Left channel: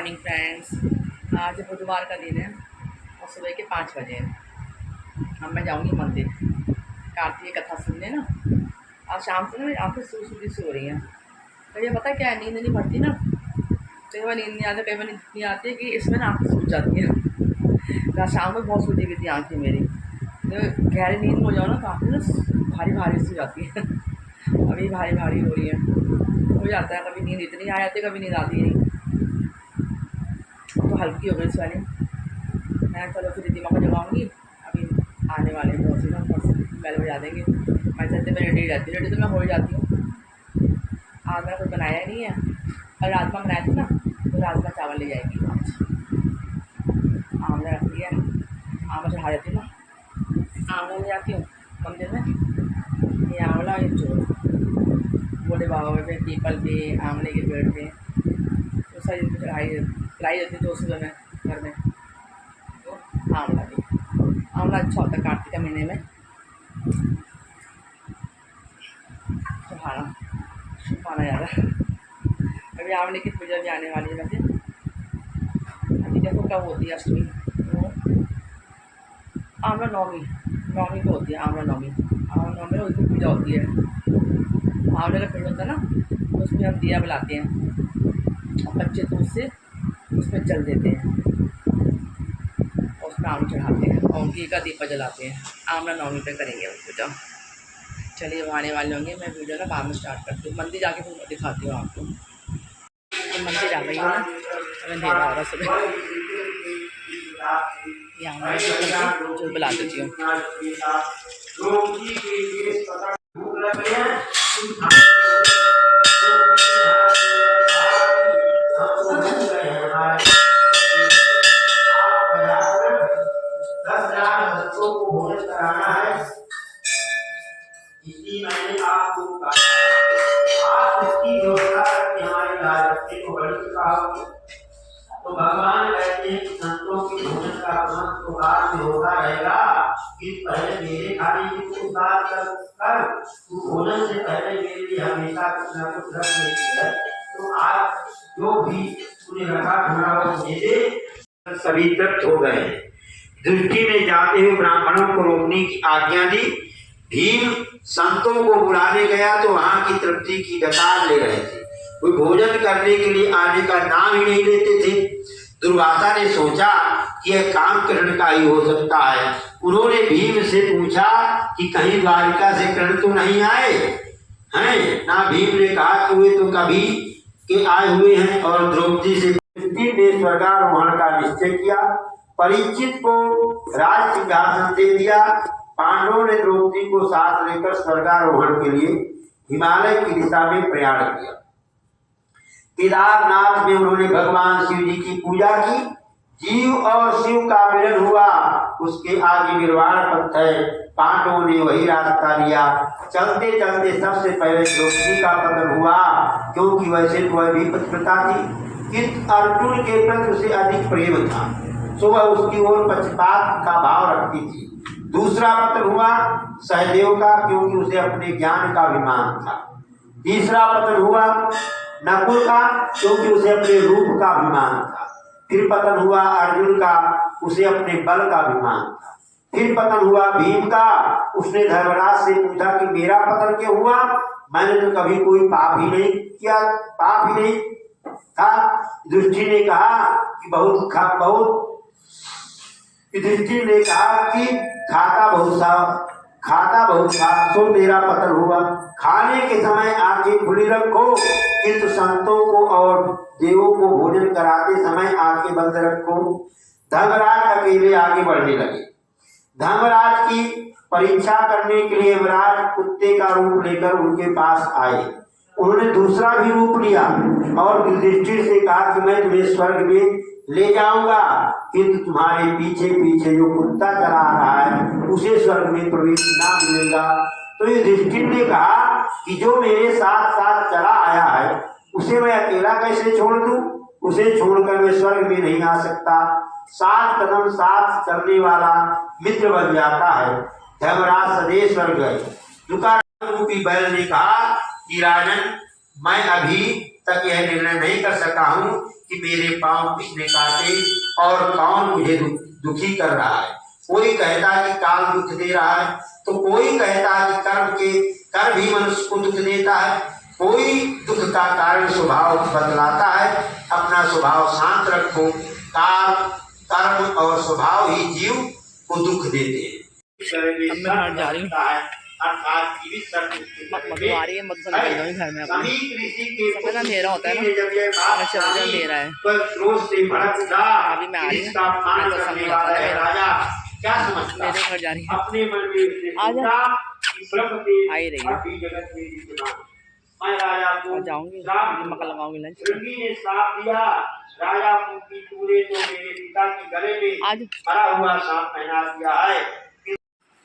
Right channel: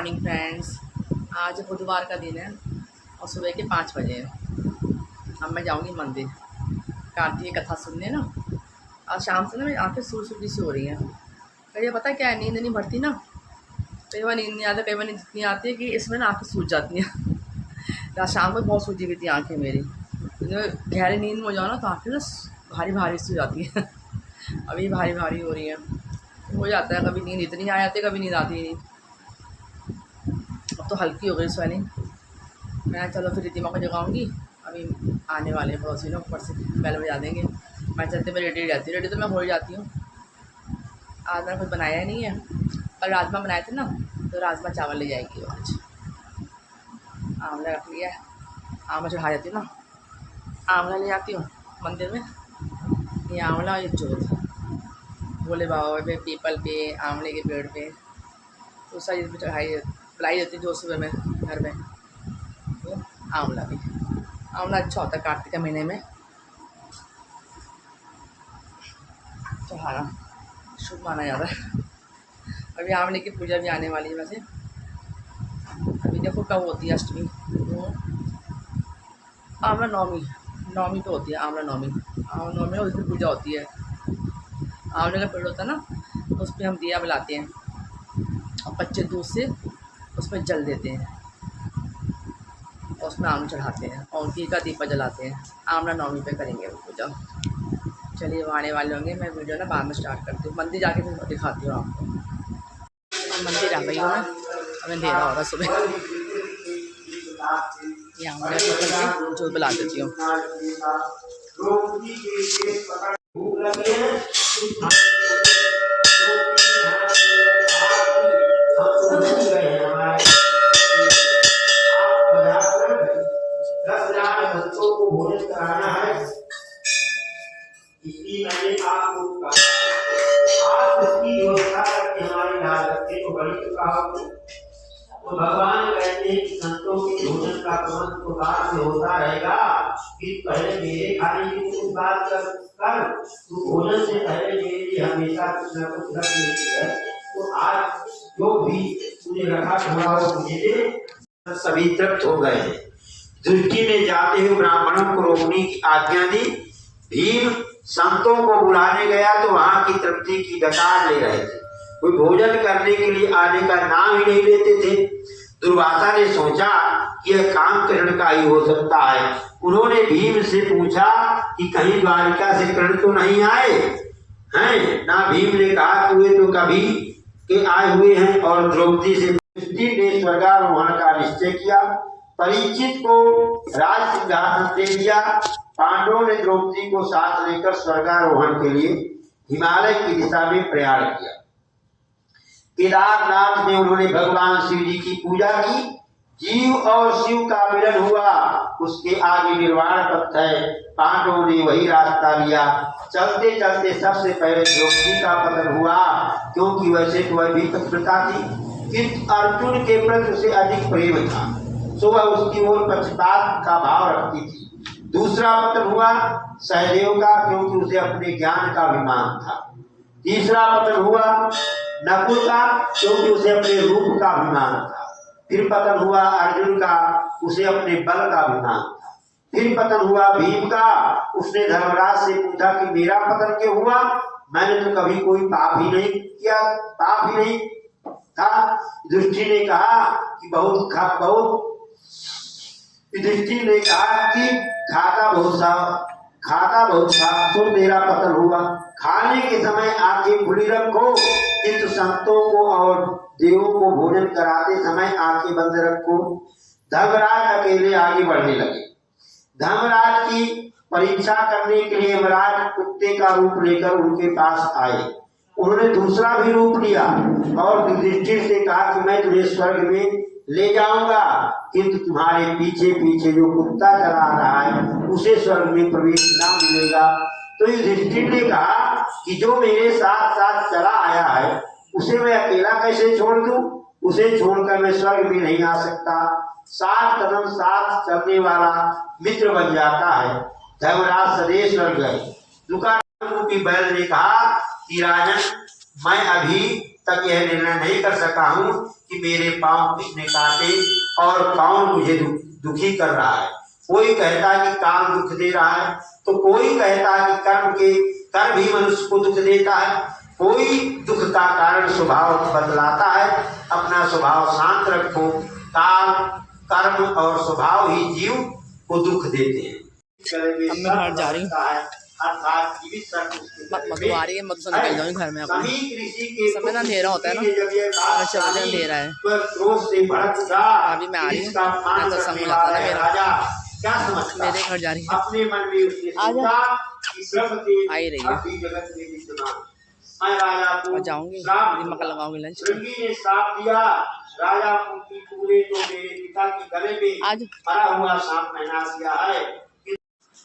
Morning friends. आज बुधवार का दिन है और सुबह के 5 बजे हैं। अब मैं जाऊंगी मंदिर कार्तिक कथा सुनने ना। आज शाम से ना मेरी आँखें सूजी सी हो रही हैं। कई पता है क्या है, नींद नहीं भरती ना, कई बार नींद नहीं आती, कई बार नींद इतनी आती है कि इसमें ना आँखें सूज जाती हैं। रात शाम को बहुत सूजी हुई थी आँखें मेरी, गहरी नींद में हो जाओ ना तो आँखें ना भारी भारी सी हो जाती है। अभी भारी भारी हो रही है, हो जाता है, कभी नींद इतनी आ जाती है, कभी नींद आती नहीं। तो हल्की हो गई स्वेलिंग। मैं चलो फिर रिद्धिमा को जगाऊंगी, अभी आने वाले हैं पड़ोसी ना, ऊपर से बेल बजा देंगे। मैं चलते मैं रेडी रहती हूँ, रेडी तो मैं हो ही जाती हूँ। आज मैंने कुछ बनाया ही नहीं है, और राजमा बनाए थे ना, तो राजमा चावल ले जाएगी आज। आंवला रख लिया है, आंवला चढ़ा जाती हूँ ना, आंवला ले जाती हूँ मंदिर में। ये आंवला और ये जोत बोले बाबा पे, पीपल पे, आंवले के पेड़ पे, तो सारी चीज़ चढ़ाई पिलाई जाती है जो सुबह में घर में। तो आंवला भी, आंवला अच्छा होता है कार्तिक के महीने में चढ़ाना, शुभ माना जाता है। अभी आंवले की पूजा भी आने वाली है वैसे, अभी देखो कब होती है अष्टमी, तो आंवला नौमी को होती है। आंवला नौमी में उस दिन पूजा होती है। आंवले का पेड़ होता है ना, तो उसमें हम दिया बुलाते हैं और कच्चे दूध से उसमें जल देते हैं और उसमें आम चढ़ाते हैं और घी का दीपक जलाते हैं। आंवला नौमी पे करेंगे वो पूजा। चलिए वो आने वाले होंगे, मैं वीडियो ना बाद में स्टार्ट करती हूँ, मंदिर जाके फिर दिखाती हूँ आपको। अब मंदिर आ गई हूँ मैं, अब अंधेरा हो रहा सुबह। ये आंवला भी करके जो बुला देती हूँ। इसकी मैंने आपको कहा, आप इसकी व्यवस्था करके हमारी लागत को बड़ी चुका होगी। तो भगवान कहते हैं कि संतों के भोजन का प्रबंध तो बाद में होता रहेगा, कि पहले मेरे खाने की कुछ बात कर तू भोजन से पहले मेरे लिए हमेशा कुछ न कुछ रख लेती है। तो आज जो भी तूने रखा थोड़ा वो मुझे दे। सभी तृप्त हो गए। दृष्टि में जाते हुए ब्राह्मणों को रोकने की आज्ञा दी। भीम संतों को बुलाने गया तो वहां की तृप्ति की दतार ले रहे थे, कोई भोजन करने के लिए आने का नाम ही नहीं लेते थे। दुर्वासा ने सोचा कि यह काम कृष्ण का ही हो सकता है। उन्होंने भीम से पूछा कि कहीं द्वारिका से कृष्ण तो नहीं आए हैं ना। भीम ने कहा कि वे तो कभी के आए हुए हैं, और द्रौपदी से ने स्वर्गारोहण का निश्चय किया। परीक्षित को राज सिंहासन दे दिया। पांडवों ने द्रौपदी को साथ लेकर स्वर्गारोहण के लिए हिमालय की दिशा में प्रयाण किया। केदारनाथ में उन्होंने भगवान शिव जी की पूजा की। जीव और शिव का मिलन हुआ, उसके आगे निर्वाण पथ है। पांडवों ने वही रास्ता लिया। चलते चलते सबसे पहले द्रौपदी का पतन हुआ, क्योंकि वैसे तो वह भी पतिव्रता थी, किंतु अर्जुन के प्रति उसे अधिक प्रेम था, सो वह उसकी ओर पक्षपात का भाव रखती थी। दूसरा पतन हुआ सहदेव का, क्योंकि उसे अपने ज्ञान का अभिमान था। तीसरा पतन हुआ नकुल का, क्योंकि उसे अपने रूप का अभिमान था। फिर पतन हुआ अर्जुन का, उसे अपने बल का अभिमान था। फिर पतन हुआ भीम का, उसने धर्मराज से पूछा कि मेरा पतन क्यों हुआ, मैंने तो कभी कोई पाप ही नहीं किया, पाप ही नहीं था। दृष्टि ने कहा कि दृष्टि ने कहा कि खाता बहुत था, तो मेरा पतन हुआ। खाने के समय आंखें खुली रखो, किंतु संतों को और देवों को भोजन कराते समय आंखें बंद रखो। धर्मराज अकेले आगे बढ़ने लगे। धर्मराज की परीक्षा करने के लिए यमराज कुत्ते का रूप लेकर उनके पास आए। उन्होंने दूसरा भी रूप लिया और युधिष्ठिर से कहा कि मैं तुम्हें स्वर्ग में ले जाऊंगा, किंतु तुम्हारे पीछे पीछे जो कुत्ता चला रहा है उसे स्वर्ग में प्रवेश ना मिलेगा। तो युधिष्ठिर ने कहा कि जो मेरे साथ साथ चला आया है उसे मैं अकेला कैसे छोड़ दूं, उसे छोड़कर मैं स्वर्ग में नहीं आ सकता। 7 कदम साथ चलने वाला मित्र बन जाता है। धर्मराज सदेश स्वर्ग गए। दुकान बैल ने कहा कि राजन, मैं अभी तक यह निर्णय नहीं कर सका हूँ कि मेरे पांव किसने काटे और कौन मुझे दुखी कर रहा है। कोई कहता कि काल दुख दे रहा है, तो कोई कहता कि कर्म भी मनुष्य को दुख देता है। कोई दुख का कारण स्वभाव बदलाता है। अपना स्वभाव शांत रखो। काल, कर्म और स्वभाव ही जीव को दुख देते हैं। अब मैं घर जा रही हूँ, मधु आ रही है, मधु से निकल जाऊँगी घर में अपने। समय ना अंधेरा होता है ना, 6 बजे अंधेरा है। अभी मैं आ रही हूँ, मैं तो संग हो जाता है मेरा। मेरे घर जा रही है, आ जा, आ ही रही है। और जाऊँगी, मक्का लगाऊंगी लंच आज।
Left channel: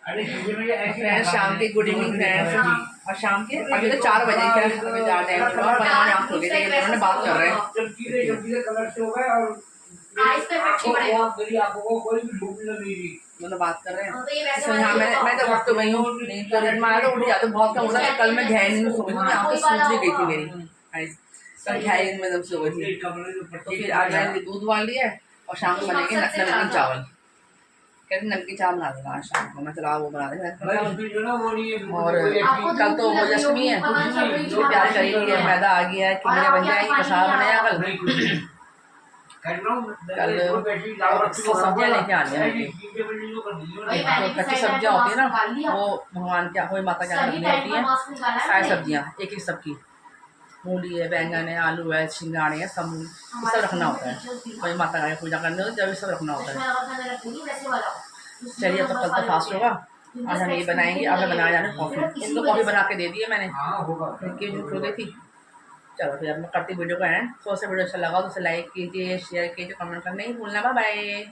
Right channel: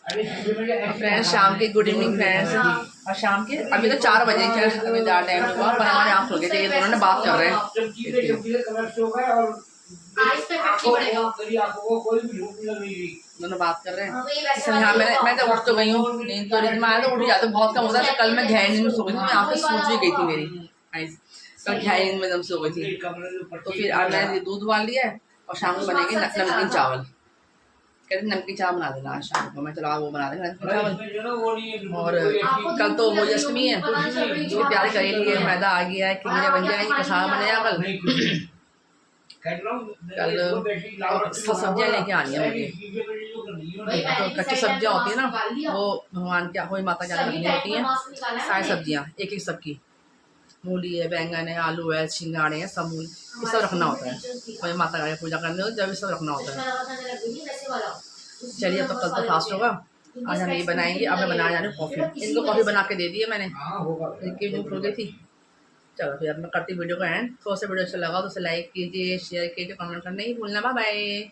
फ्रेंड्स शाम के गुड इवनिंग फ्रेंड्स। और शाम के अभी तो 4 बजे खैर अभी ज़्यादा टाइम हुआ, पर हमारे आँख हो गई थी, दोनों ने बात कर रहे हैं। दोनों बात कर रहे हैं। हाँ मैं तो उठ तो गई हूँ, नींद तो मैं तो उठ जाती बहुत कम होता है। कल मैं गहरी नींद में सो गई थी, मैं आँखें सूज भी गई थी मेरी, कल गहरी नींद में एकदम सो गई थी। तो फिर आज मैंने दूध उबाल लिया है और शाम को बनेंगे नमकीन चावल। कहते नमकीन चावल बना देना आज शाम को। मैं चला वो बना देंगे नमकीन चावल। और कल तो वो अष्टमी है, उसकी तैयारी करी है। मैदा आ गया है, खिचड़ियाँ बन जाएंगी, कसावा बनेगा कल। कल सब्जियाँ लेके आनी है मुझे। तो कच्ची सब्जियाँ होती है ना, वो भगवान क्या कोई माता क्या रखनी होती है। सारी सब्जियाँ एक एक सबकी, मूली है, बैंगन है, आलू है, छिंगाड़े हैं, सब ये सब रखना होता है। कोई माता का पूजा करने हो जब ये सब रखना होता है। चलिए अब तो कल तो फास्ट होगा, आज हम ये बनाएंगे। अब मैं बना जाने कॉफ़ी, इनको कॉफ़ी बना के दे दी है मैंने, इनकी जो खुल गई थी। चलो फिर अब मैं करती वीडियो का एंड। तो से वीडियो अच्छा लगा तो उसे लाइक कीजिए, शेयर कीजिए, कमेंट करना नहीं भूलना। Bye bye.